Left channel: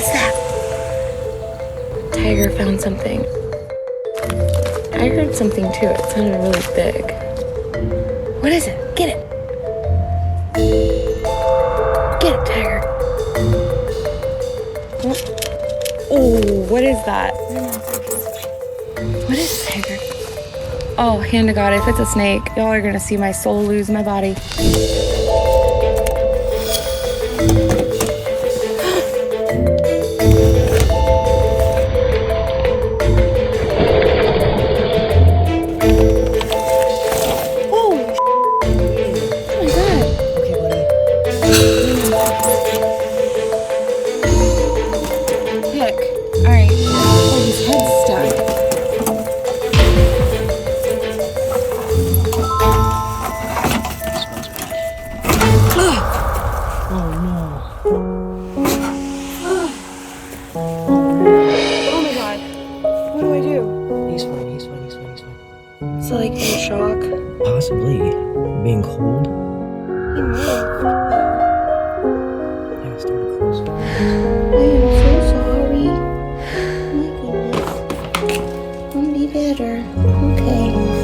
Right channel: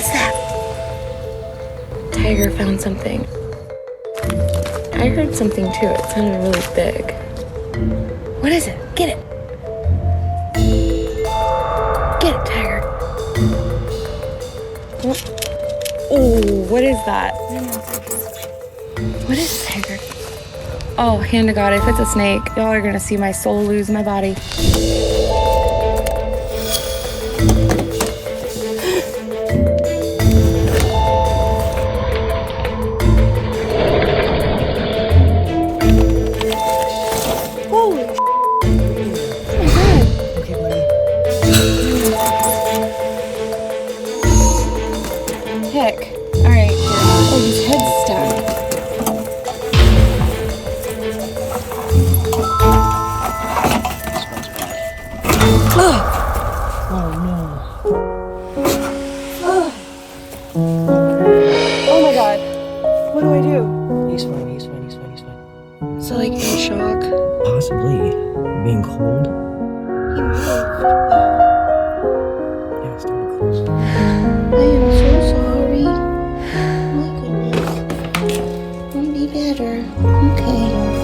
What's that? Tiger found something. I heard something too. It sounded really big. What is it? Get it. Get it, Tiger. Oh, what is that? What is it, Tiger? Oh, hand to God, if it's a snake, y'all are gonna see my soul lose my body. So, like, in shock? Possibly. Being cold. He moved. Yeah, it's starting to close. I am so sorry. Oh my goodness. I'll be better. Okay.